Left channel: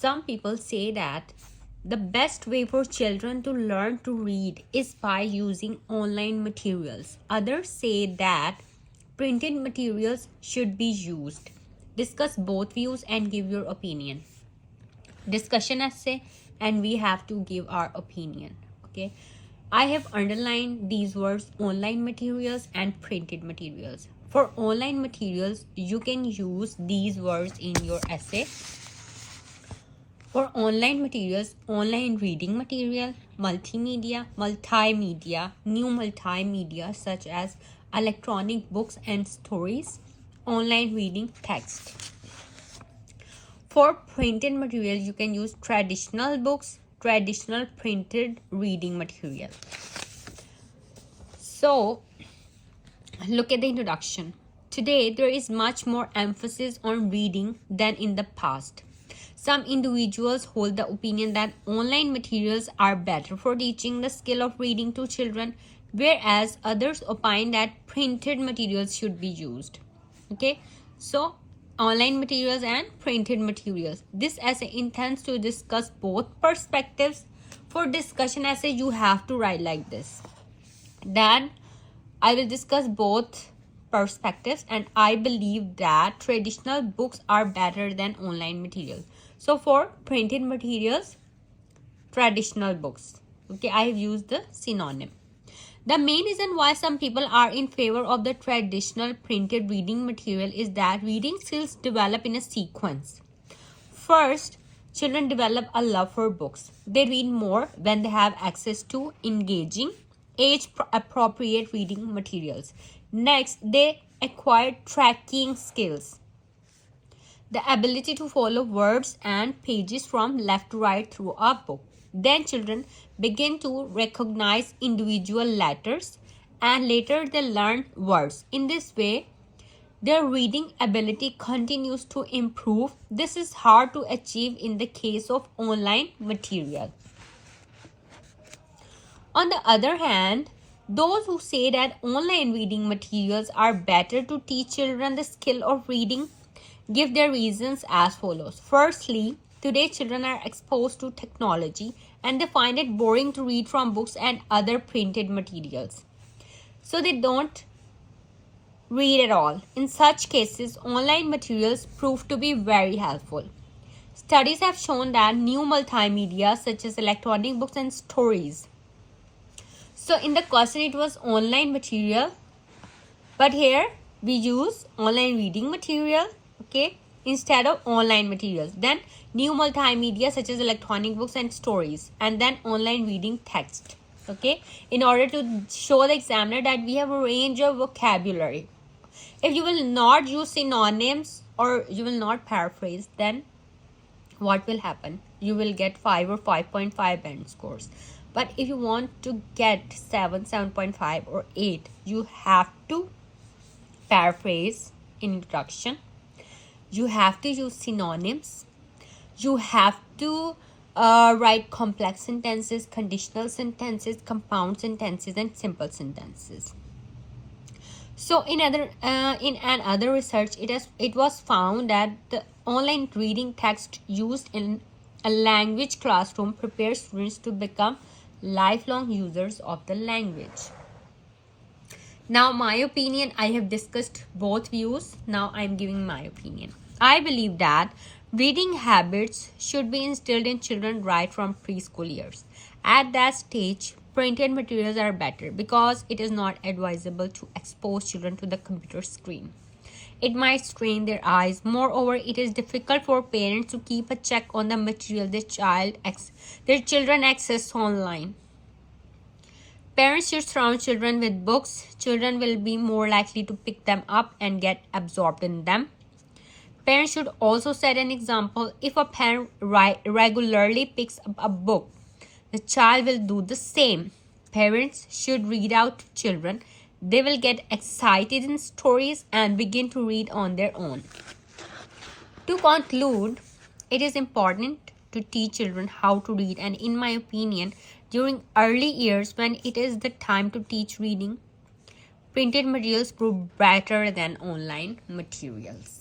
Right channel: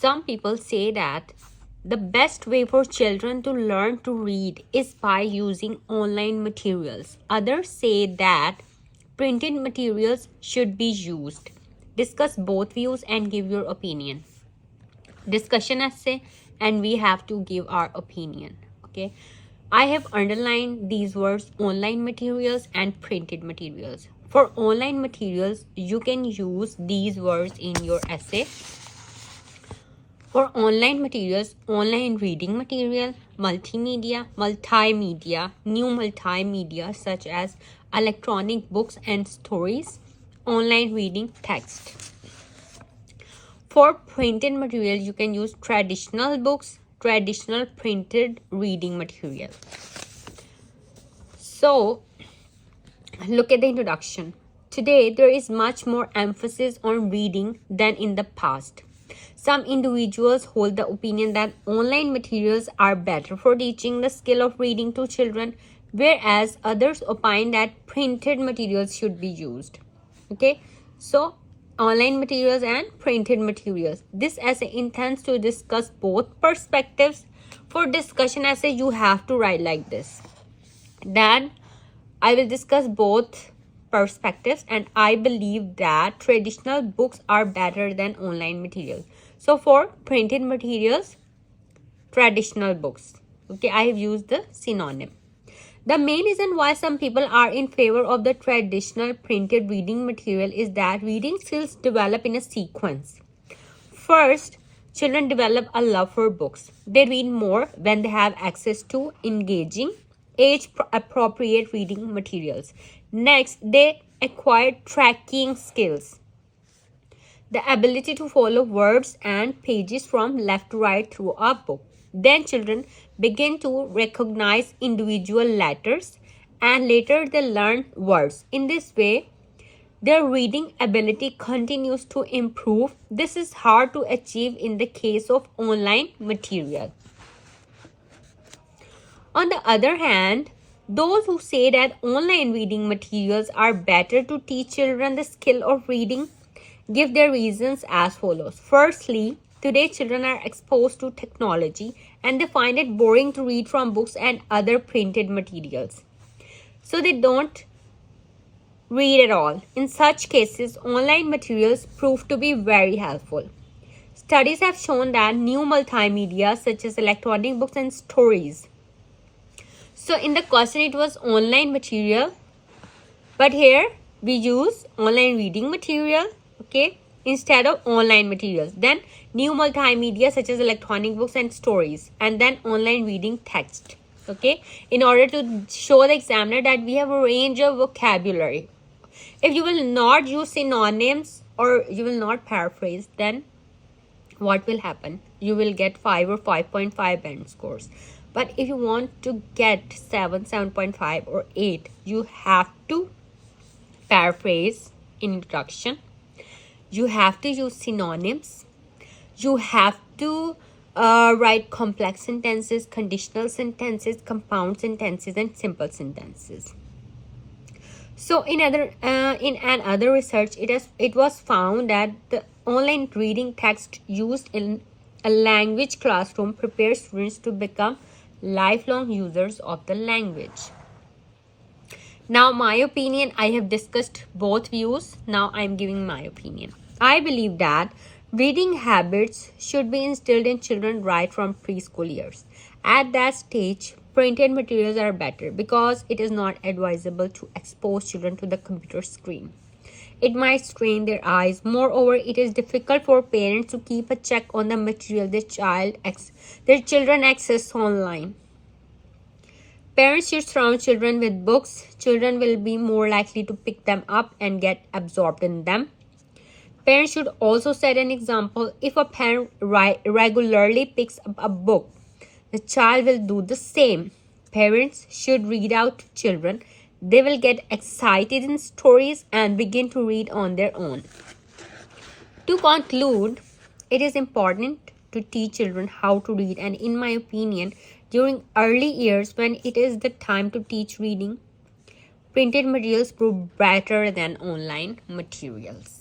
Some people say that the best way for children to learn to read is by using online materials. Others say that printed materials should be used. Discuss both views and give your opinion. Discussion essay, and we have to give our opinion. Okay, I have underlined these words: online materials and printed materials. For online materials, you can use these words in your essay. For online materials, online reading material, multimedia, new multimedia such as electronic books and stories, online reading text. For printed material, you can use traditional books, traditional printed reading material. So, look at the introduction. Today, there is much more emphasis on reading than in the past. Some individuals hold the opinion that online materials are better for teaching the skill of reading to children, whereas others opine that printed materials should be used. Okay, so online materials and printed materials. This essay intends to discuss both perspectives. For discussion essay, you have to write like this. Then I will discuss both perspectives, and I believe that traditional books are better than online materials. So for printed materials, traditional books. Okay, I have used the synonym. The main reason why some people are in favor of the traditional printed reading material is that reading skills develop in a sequence. First, children develop a love for books. They read more when they have access to engaging, age-appropriate reading materials. Next, they acquire tracking skills, the ability to follow words and pages from left to right through a book. Then children begin to recognize individual letters, and later they learn words. In this way, their reading ability continues to improve. This is hard to achieve in the case of online material. On the other hand, those who say that online reading materials are better to teach children the skill of reading give their reasons as follows. Firstly, today children are exposed to technology and they find it boring to read from books and other printed materials. So they don't read at all. In such cases, online materials prove to be very helpful. Studies have shown that new multimedia such as electronic books and stories. So in the question it was online material, but here we use online reading material, okay, instead of online materials. Then new multimedia such as electronic books and stories, and then online reading text, okay, in order to show the examiner that we have a range of vocabulary. If you will not use synonyms or you will not paraphrase, then what will happen? You will get 5 or 5.5 band scores. But if you want to get 7, 7.5 or 8, you have to paraphrase in introduction. You have to use synonyms. You have to write complex sentences, conditional sentences, compound sentences, and simple sentences. So in another research, it was found that the online reading text used in a language classroom prepares students to become lifelong users of the language. Now my opinion, I have discussed both views. Now I am giving my opinion. I believe that reading habits should be instilled in children right from preschool years. At that stage, printed materials are better because it is not advisable to expose children to the computer screen. It might strain their eyes. Moreover, it is difficult for parents to keep a check on the material their children access online. Parents should surround children with books. Children will be more likely to pick them up and get absorbed in them. Parents should also set an example. If a parent regularly picks up a book, the child will do the same. Parents should read out to children. They will get excited in stories and begin to read on their own. To conclude, it is important to teach children how to read, and in my opinion, during early years when it is the time to teach reading, printed materials prove better than online materials.